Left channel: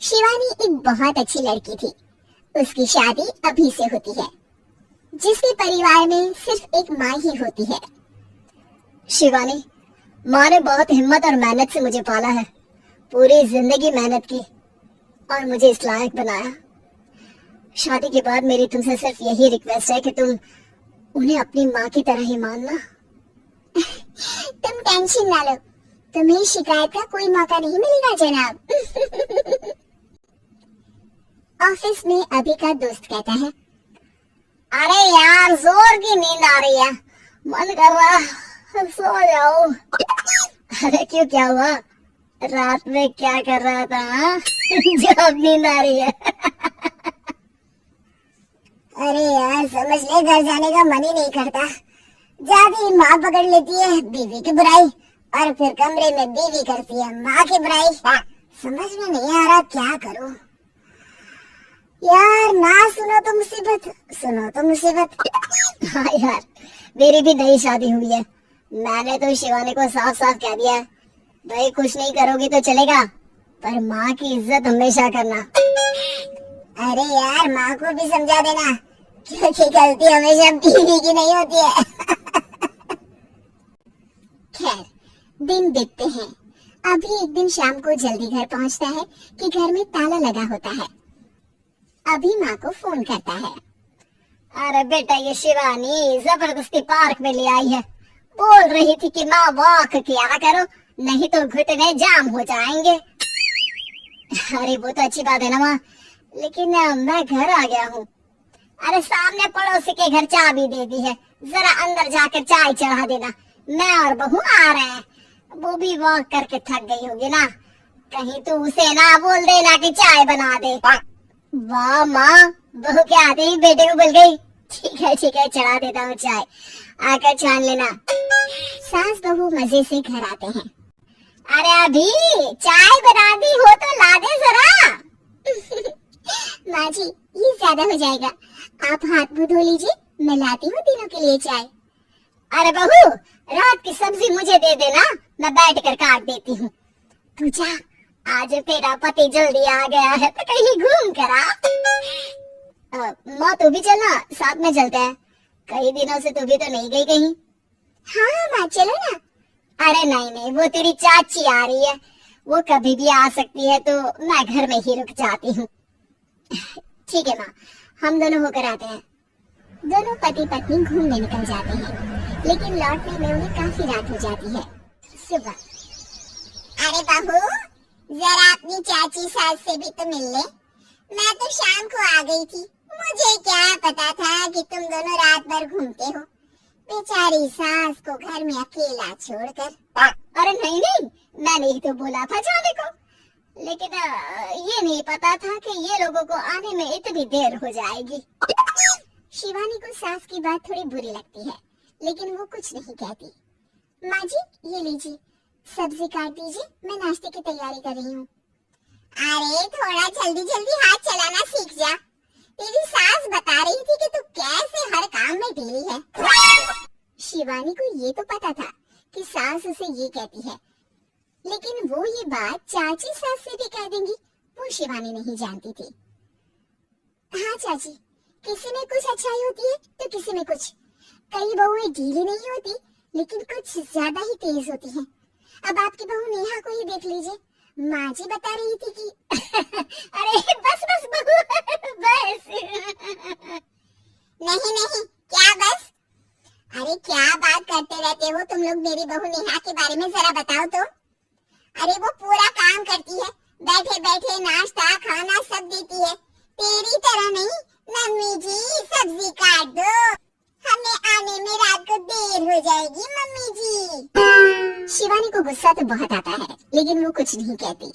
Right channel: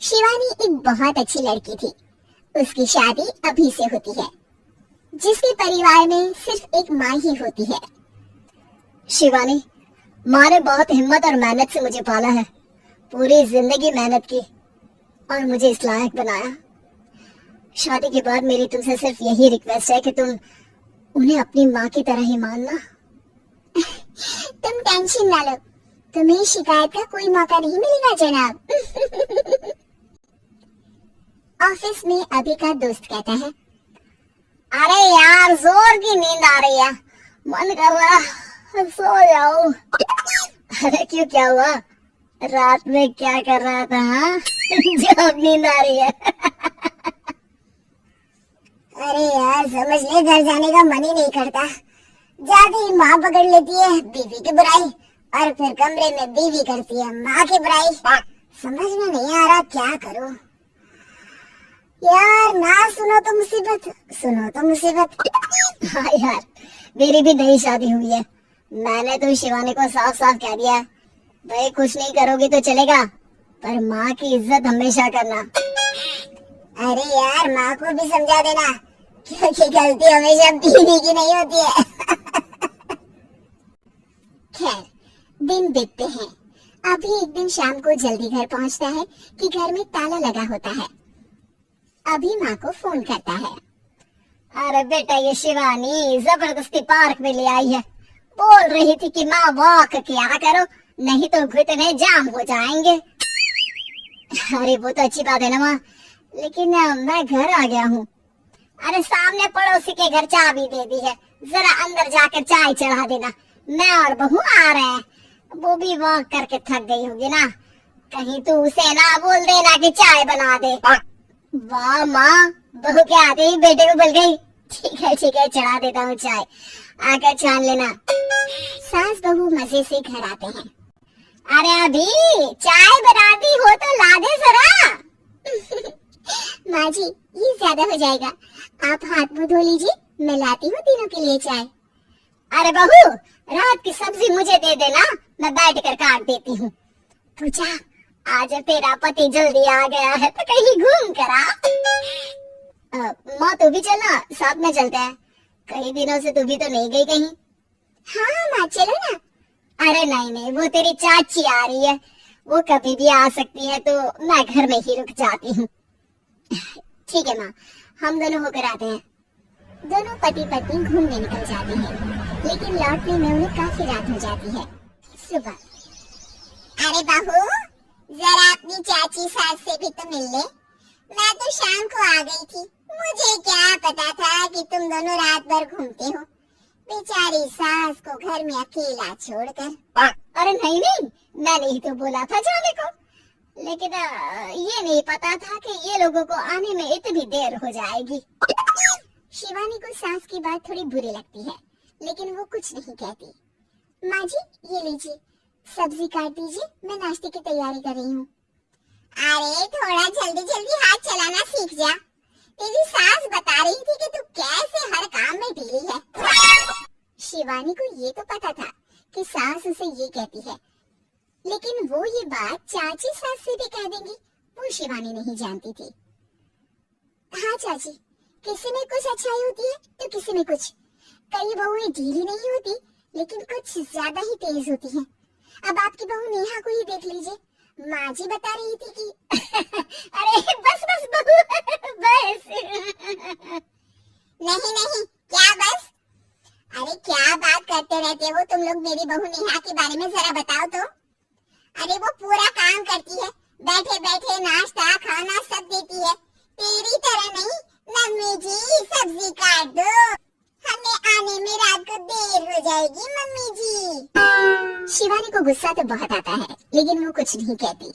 शिवानी एक बहुत अच्छी लड़की थी। उसकी शादी अभी से होती है, जिसके परिवार में सिर्फ एक माँ ही होती है। शिवानी, माँ ने बहुत हिम्मत और मेहनत से मुझे पाला है। पूरी जिंदगी मेहनत की और मुझे इस लायक बनाया। शादी के बाद मेरी तुमसे सिर्फ यही रिक्वेस्ट है कि तुम उन्हें अपनी माँ की तरह ही मानना। तुम टेंशन ना लो, तुम्हें शिकायत का कोई मौका नहीं मिलेगा जनाब। ऑफिस में अभी का दोस्त कहता है, अरे यार, जोर की नींद आ रही है, मन कर रहा सो जाऊं। अरे क्यों, क्या हुआ? रात में क्या कर रहा था हाँ? जो अब नींद आ रही है। अरे यार समझ ले, घर जाने का मन ही नहीं करता। जाते ही माँ पकड़ लेती है बीवी की बुराई, और फिर कमरे में बीवी करती है माँ की बुराई। समझ में नहीं आ रहा क्या करूं। यार ना सुनो तो मुसीबत, सुनो तो मुसीबत। हाँ यार, मेरी भी नई शादी हुई है। मैंने तो शिवानी को साफ साफ कह दिया है, भाई कुछ नहीं करोगी तो चलेगा, पर माँ की इज्जत हमेशा करना। अरे यार माँ को भी समझा देना, क्योंकि गलती हमेशा बीवी की नहीं होती है। खैर, दिन बीतते हैं। अभी एक दिन शाम को जल्दी घर पहुंचता है कि घर में ताला लगा होता है। अभी माँ को फोन करता है। अरे बेटा, ये शिवानी जबरदस्ती पार्क में ले आई है। बोल रही थी कि माँ वॉक किया करो, नहीं तो घुटने जाम हो जाएंगे। अरे वो तो अच्छी बात है ना माँ, लेकिन मैं घर आ गया हूँ। अरे सामने पड़ोसी के घर चाबी दे दी है, जरा अंदर जाकर चाय चढ़ा देना। मैं और बहू आ रहे हैं, वो भी वॉक करके थक गई होगी ना, कहीं तू उसे ना बोल देना कि चाय बना दे। वाह माँ, बहू के आते ही बेटे को बोल गई, ठीक है चढ़ा देता हूँ चाय, आकर छान लेना। सास बहू मजे से घर आते हैं। अरे अभी चाय बना दी हो तो ला दे जरा। माँ जी ये ज्यादा हो जाएगा, आप हाथ मुंह धो लीजिए, मैं लाती हूँ तीनों के लिए चाय। अरे बहू, रात की सब्जी मुझे दे देना, मैं बैठ कर काट देती हूँ। तू जा, आज तेरा पति जल्दी आ गया है तो कहीं घूम कर आ। माँ तू भी चलना, साथ में चलते हैं। कई दिनों से तू भी तो नहीं गई कहीं। हाँ माँ चलो ना। अरे नहीं, वो तेरी चाची आ रही है, वो कभी भी आ सकती है, तो मैं घर में ही रुक जाती हूँ। ठीक है माँ, हम दोनों होकर आते हैं। दोनों पति पत्नी घूमने निकल जाते हैं, लेकिन लौटने में उन्हें काफी रात हो जाती है। सुबह, अरे बहू जरा अपनी चाची सास से भी तो मिल ले, मैं तो शाम को आ गई थी, मुझे क्या पता था कि तुम दोनों रात भर घूमते हो। बेचारी सास को घर में अकेला छोड़कर। अरे नहीं, मैंने ही तो बोला था जाने को, लेकिन ये नहीं पता था कि ये लोगों को आने में इतनी देर हो जाएगी। शिवानी को सास की बात थोड़ी बुरी लगती है, लेकिन वो कुछ नहीं कहती। माँ जी ये लीजिए, सब्जी काट दीजिए, मैं नाश्ते की तैयारी कर रही हूँ। अरे थोड़ा जल्दी जल्दी हाथ चलाना सीख जा, तेरी सास बता रही थी कि तू कैसे हर काम में ढीली है। शिवानी को ये तो पता था कि सास उसे ये कहती है, लेकिन वो ये बात चाची सास से भी कह देंगी, वो शिवानी नहीं जानती थी। हाँ चाची, किसी में कुछ अच्छाई होती है तो किसी में कुछ। कई बहुएं ढीली नहीं होती, लेकिन कुछ ज्यादा ही तेज होती हैं। अब आपकी बहू नेहा को ही देख लीजिए, माँ जी बता रही थी कि अरे बस बहू, बस। नहीं क्या बस? अरे क्या बात करते रहते हो तुम लोग, मेरी बहू नेहा के बारे में जरा बताओ तो। अरे वो पूरा काम करती है, बैठे बैठे नाश्ता खाना सब देती है, तेरी तरह नहीं। मम्मी जी सब्जी काट दो, हमें आने में रात को देर हो जाएगी मम्मी जी। शिवानी को गुस्सा तो बहुत आता है, लेकिन वो कुछ नहीं कहती।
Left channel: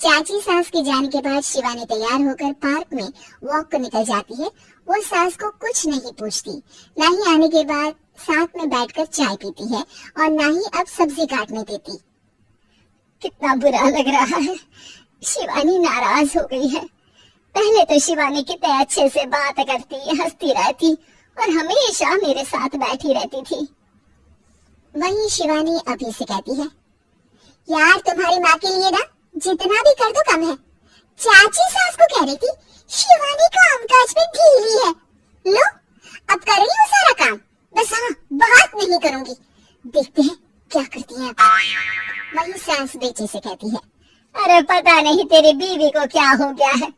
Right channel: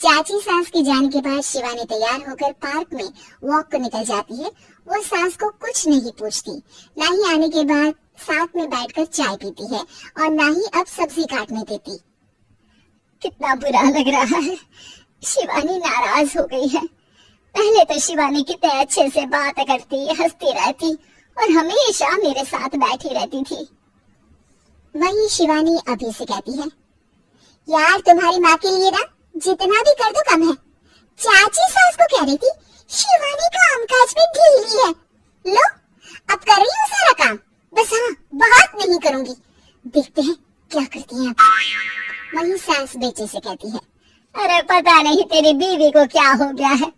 चाची सास के जाने के बाद शिवानी तैयार होकर पार्क में वॉक को निकल जाती है। वो सास को कुछ नहीं पूछती, ना ही आने के बाद साथ में बैठकर चाय पीती है, और ना ही अब सब्जी काटने देती। कितना बुरा लग रहा है, शिवानी नाराज हो गई है। पहले तो शिवानी कितने अच्छे से बात करती, हंसती रहती और हमेशा मेरे साथ बैठी रहती थी। वही शिवानी अभी से कहती है, यार तुम्हारी माँ के लिए ना जितना भी कर दो कम है। चाची सास को कह रही थी शिवानी कामकाज में ढीली है। लो अब कर रही हूँ सारा काम, बस हाँ बात नहीं करूंगी। देखते हैं क्या करती है। वही सास बेटे से कहती है, अरे पता नहीं तेरी बीवी को क्या हो गया है,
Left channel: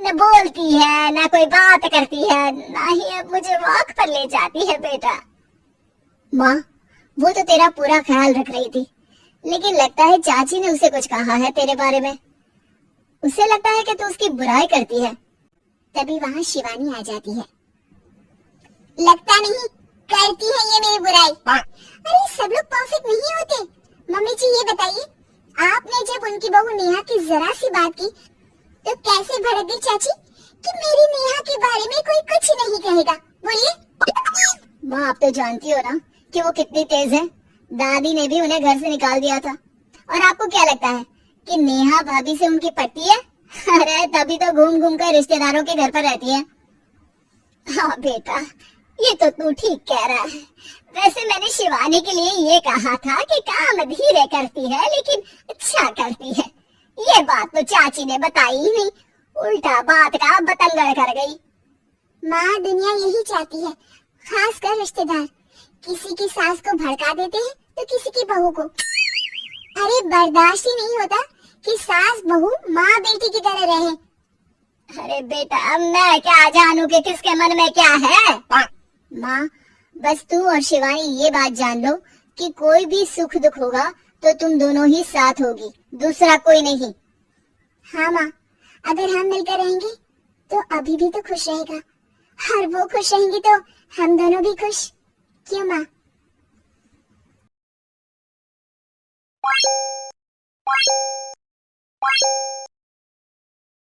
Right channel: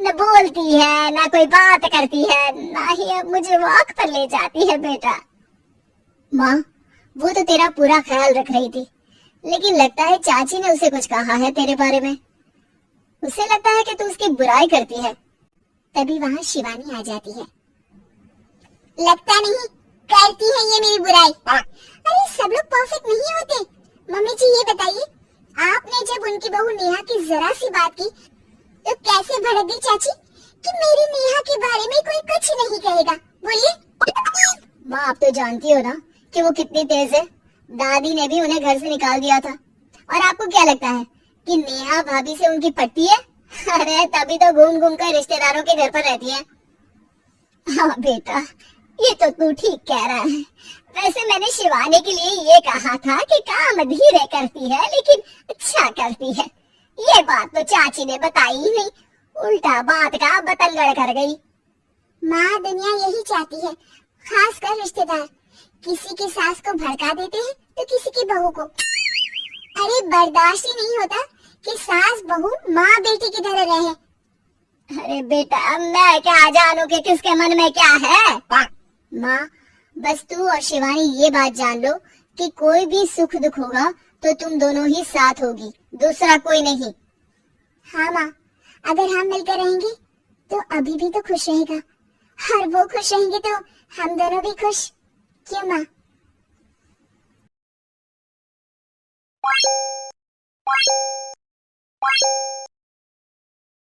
न बोलती है न कोई बात करती है, ना ही अब मुझे वॉक पर ले जाती है बेटा। माँ वो तो तेरा पूरा ख्याल रख रही थी, लेकिन लगता है चाची ने उसे कुछ कहा है तेरे बारे में। उसे लगता है कि तू उसकी बुराई करती है। तभी वहाँ शिवानी आ जाती है। लगता नहीं करती है ये मेरी बुराई। अरे सब लोग परफेक्ट नहीं होते। मम्मी जी ये बताइए, आपने जब उनकी बहू नेहा की जरा सी बात की तो कैसे भड़क गई चाची कि मेरी नेहा के बारे में कोई कुछ नहीं कहेगा। बोलिए। माँ आप तो जानती हो ना कि वो कितनी तेज है। दादी ने भी उन्हें घर से निकाल दिया था। और आपको क्या लगता है कि नेहा भाभी से उनकी पटती है? अरे तभी तो घूम घूम कर रिश्तेदारों के घर पर रहती है। हाँ बेटा ये तो तू ठीक कह रहा है। वैसे मैंने शिवानी के लिए ये कहा था कि काम धीरे करती है लेकिन अच्छा करती है। ये बात तो चाची ने बताई ही नहीं, उल्टा बात का बतंगड़ कर गई। माँ दुनिया यही चाहती है, खासकर रिश्तेदार किसी की सास को भड़का देते हैं तो किसी की बहू को। अरे बर्दाश्त ही नहीं होता कि सास बहू माँ बेटी की तरह रहे। अरे बेटा मैं क्या जानू कि किसके मन में क्या है। माँ बस तू और शिवानी ये बात जान लो कि कोई भी सुख दुख होगा तो तुम दोनों ही साथ होगी, दूसरा कोई नहीं। हाँ माँ, अगर हम मिलकर रहेंगे तो अभी भी तो खुश रहेगा, और वो खुश रहेंगे तो हम दोनों भी खुश। क्यों माँ?